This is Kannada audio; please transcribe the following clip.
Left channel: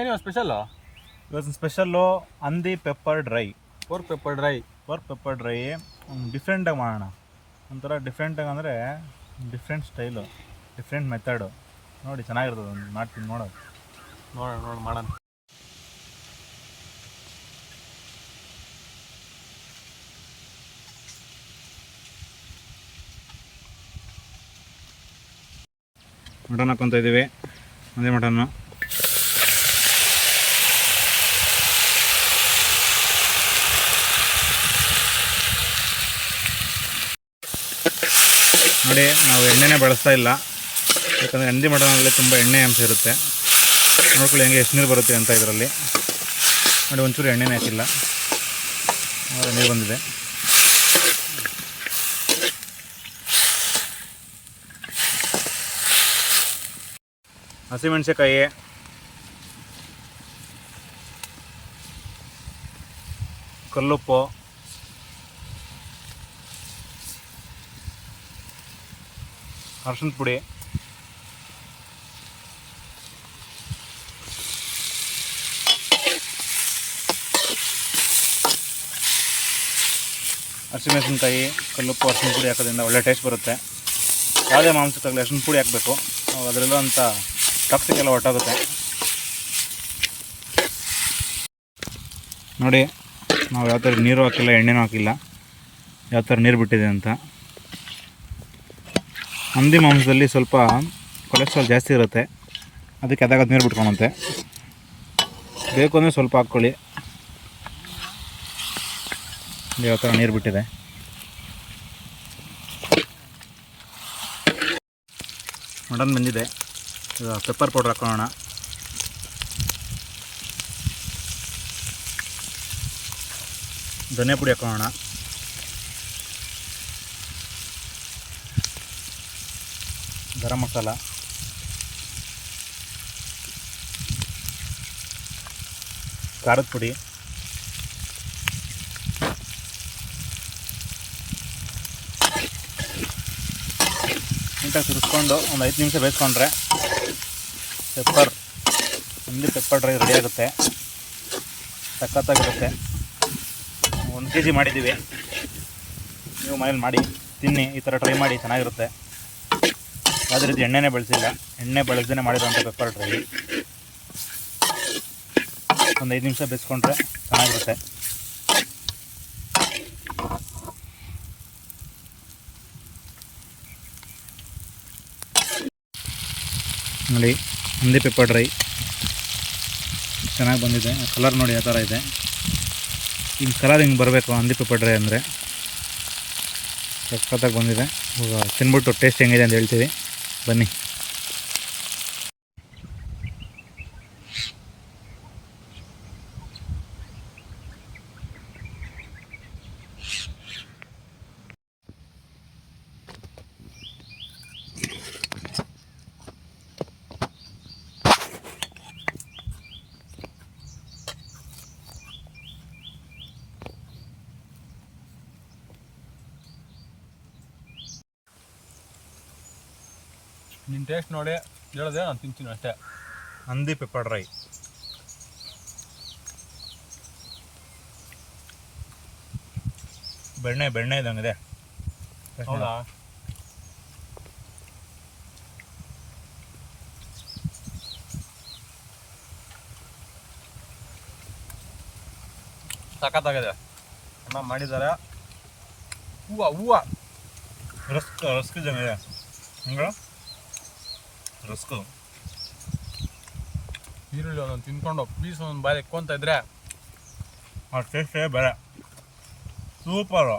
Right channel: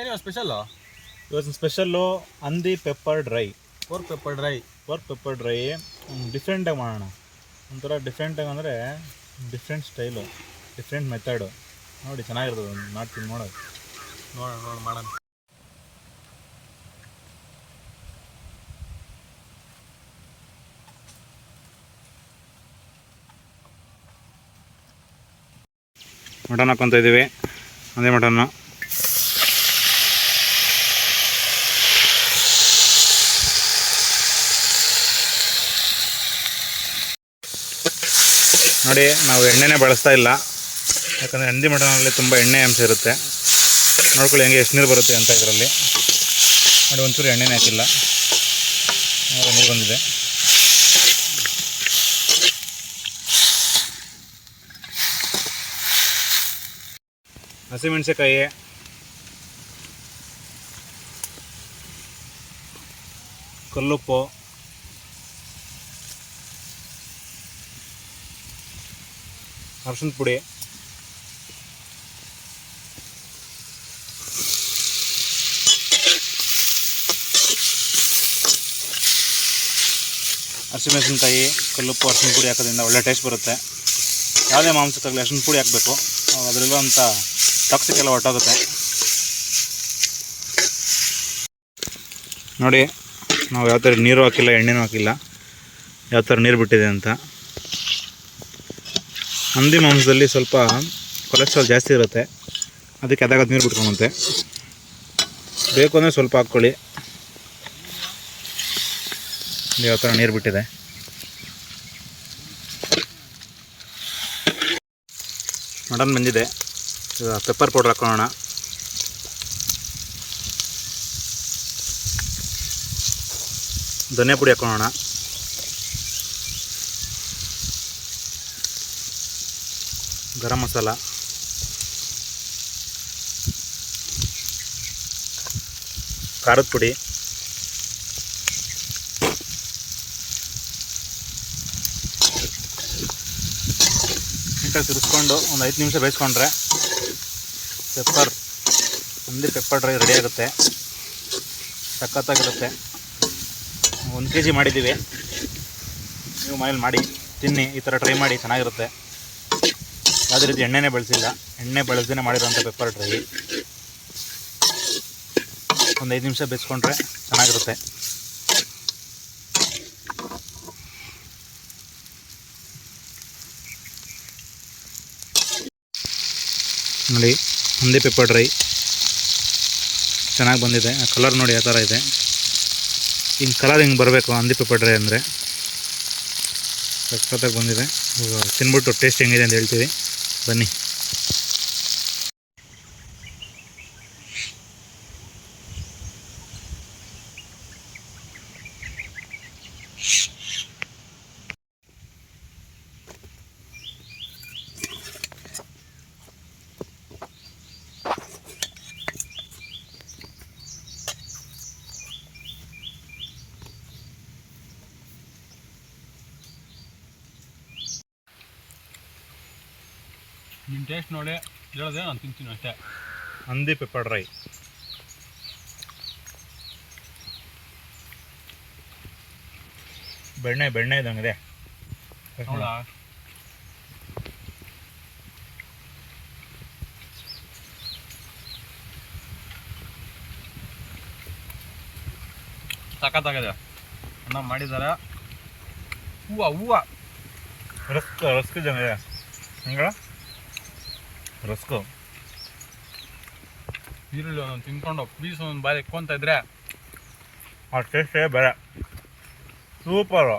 ಏನು ಸ್ಪೆಷಲ್ಲು? ಇವತ್ತು ಸ್ಪೆಷಲ್ಲು ಹಂದಿ pepper dry. Pork pepper dry ಡಿಫ್ರೆಂಟಾಗಿ ಮಾಡೋಣ. ಒಂಥರ ಡಿಫ್ರೆಂಟಾಗಿ ಅಂದರೆ ಡಿಫ್ರೆಂಟ್ ಸ್ಟೈಲು, ಡಿಫ್ರೆಂಟ್ ಮೆಥಡು. ನೋಡಿ ಚೆನ್ನಾಗಿರ್ತದೆ, ಒಂದು ಮಾಡ್ತೀನಿ ನೋಡೋದು. ನೋಡೋಣ ಮಾಡೋಣ. ಮಟನ್ ಹಾಕ್ಕೊತ ಇದ್ದೀವಿ, ಅದೇ ಮಟನ್ನು. ನೋಡಿ, ನಾವು ಎಣ್ಣೆನೇ ಬಳಸ್ತಾ ಇಲ್ಲ, ಯಾಕಂದರೆ ಹಂದಿ ಮಟನಲ್ಲಿ ತುಂಬ ಎಣ್ಣೆ ಅಂಶ ಇರುತ್ತೆ. ನೋಡ್ಕೊಳ್ಳಿ ಹೆಂಗೆ ಎಷ್ಟು ನೀರು ಬರುತ್ತೆ ಅಂತ ಇದರಲ್ಲಿ. ನೋಡಿ, ಒಂಚೂರು ಎಣ್ಣೆನೇ ಹಾಕಿಲ್ಲ, ನೀರು ಬಂದಿದೆ. ಹಸಿಮೆಣಸಿನಕಾಯಿ, ಕಲ್ಲುಪ್ಪು, ಅರಶಿನ ಪುಡಿ, ಹಸಿಮೆಣಸಿನಕಾಯಿ, ಕಲ್ಲುಪ್ಪು, ಅರಶಿನ ಪುಡಿ ಹಾಕೋದ್ರಿಂದ ಒಳ್ಳೆ ಟೇಸ್ಟ್ ಬರುತ್ತೆ. ಯಾವುದೇ ಮಾಂಸಕ್ಕಾಗಲಿ ಅರಶಿನ ಪುಡಿ ಹಾಕಬೇಕು, ಅದರಲ್ಲಿರುವಂಥ ಟಾಕ್ಸಿಕ್ ಎಲ್ಲ ಹೊರಟೋಗುತ್ತೆ. ನೋಡಿ, ನಾವು ಯಾವ ಥರ ನೀರು ಹಾಕಿಲ್ಲ, ಎಣ್ಣೆನೂ ಹಾಕಿಲ್ಲ, ಯಾವ ಥರ ನೀರು ಬಿಟ್ಟಿದೆ ಅಂತ. ಹಂದಿ ಮಾಂಸದಲ್ಲಿ ಸ್ವಲ್ಪ ಕೊಲೆಸ್ಟ್ರಾಲ್ ಜಾಸ್ತಿ ಇರುತ್ತೆ, ಅದಕ್ಕೆ ಅದಾಗ ನೀರು ಬಿಟ್ಕೊಳುತ್ತೆ. ಬೇಕು ಅಂದರೆ ಸ್ವಲ್ಪ ಹಾಕ್ಕೊಳ್ಳಿ. ಯಾವ ಥರ ನೀರು ಬಿಟ್ಟಿದೆ. ಮಟನ್ ಬಂದಿದೆ, ಈಗ ಪೆಪ್ಪರ್ ಪೌಡ್ರ್ ಹಾಕೊಳ್ಳೋಣ. ಧನಿಯಾ ಪುಡಿ ಹಾಕೊಳ್ಳೋಣ. ಗರಂ ಮಸಾಲ, ಖಾರದ ಪುಡಿ, ನೀಟಾಗಿ ತಿರ್ಸ್ಕೊಂಡು ಒಂದು 5 ನಿಮಿಷ ಬೇಯಿಸ್ಕೊಂಡ್ರೆ ಹಂದಿ ಪೆಪ್ಪರ್ ಡ್ರೈ ರೆಡಿ ಆಗುತ್ತೆ. ಸಖತ್ತಾಗಿರುತ್ತೆ. 1 kg ಮಾಡಿದ್ದೀವಿ, ನೀವು ಮನೇಲಿ ಮಾಡಿ ತಿನ್ನಿ, ಈ ಥರ ಟ್ರೈ ಮಾಡಿ, ಚೆನ್ನಾಗಿರುತ್ತೆ. ಯಾವುದೇ ರೀತಿ ಎಣ್ಣೆನೇ ಬಳಸಿಲ್ಲ, ಎಣ್ಣೆ ಬಳಸದೇ ಮಾಡಿರೋಂಥ ಪೆಪ್ಪರ್ ಡ್ರೈ. ಒಂದು 5 ನಿಮಿಷ ಬೇಯಿಸ್ಕೊಂಡ್ರೆ ಚೆನ್ನಾಗಿರುತ್ತೆ. ನೋಡಿ, ಹಂದಿ ಪೆಪ್ಪರ್ ಡ್ರೈ ಚೆನ್ನಾಗಿ ಬಂದಿದೆ. ಕಲರ್ ನೋಡಿ ಯಾವ ಥರ ಇದೆ. ಹಿಂಗೆ ಕಲರ್ ಹಿಂಗೆ ಬರಬೇಕು ಹಂದಿ ಪೆಪ್ಪರ್ ಡ್ರೈ ಅಂದರೆ. ಸಖತ್ತಾಗಿ ಬಂದಿದೆ. ತಿನ್ಬಿಟ್ಟು ಟೇಸ್ಟ್ ಹೆಂಗಿದೆ ಅಂತ ಹೇಳ್ತೀವಿ, ಬನ್ನಿ. ನಿನ್ನ ಟೇಸ್ಟ್ ನೋಡಿ ಹೇಳೋದೇ ನಾನು ತಿಂತೀನಿ ಅಷ್ಟೇ. ಹಂದಿ ಪೆಪ್ಪರ್ ಡ್ರೈ ಬೆಣ್ಣೆ ಇದ್ದಂಗಿದೆ. ಹೌದಾ? ಸಖತ್ತಾಗಿದೆ. ಅಣ್ಣ ಮಾಡಿದ್ದಾರೆ. ಹೂವು ರಸ್ಕ್ ಇದ್ದಂಗಿದೆ. ಹಂಗ ರಸ್ಕು ಈರುಳ್ಳಿ ಒಂದೊಂದು ತಿನ್ಕೊಂಡು ಪೀಸ್ ಒಂದೊಂದು ಬಾಯಿ ಎಕ್ಕೊಂತ ಇದ್ರೆ ಆ ಟೇಸ್ಟೇ ಬೇರೆ. ಸೂಪರು.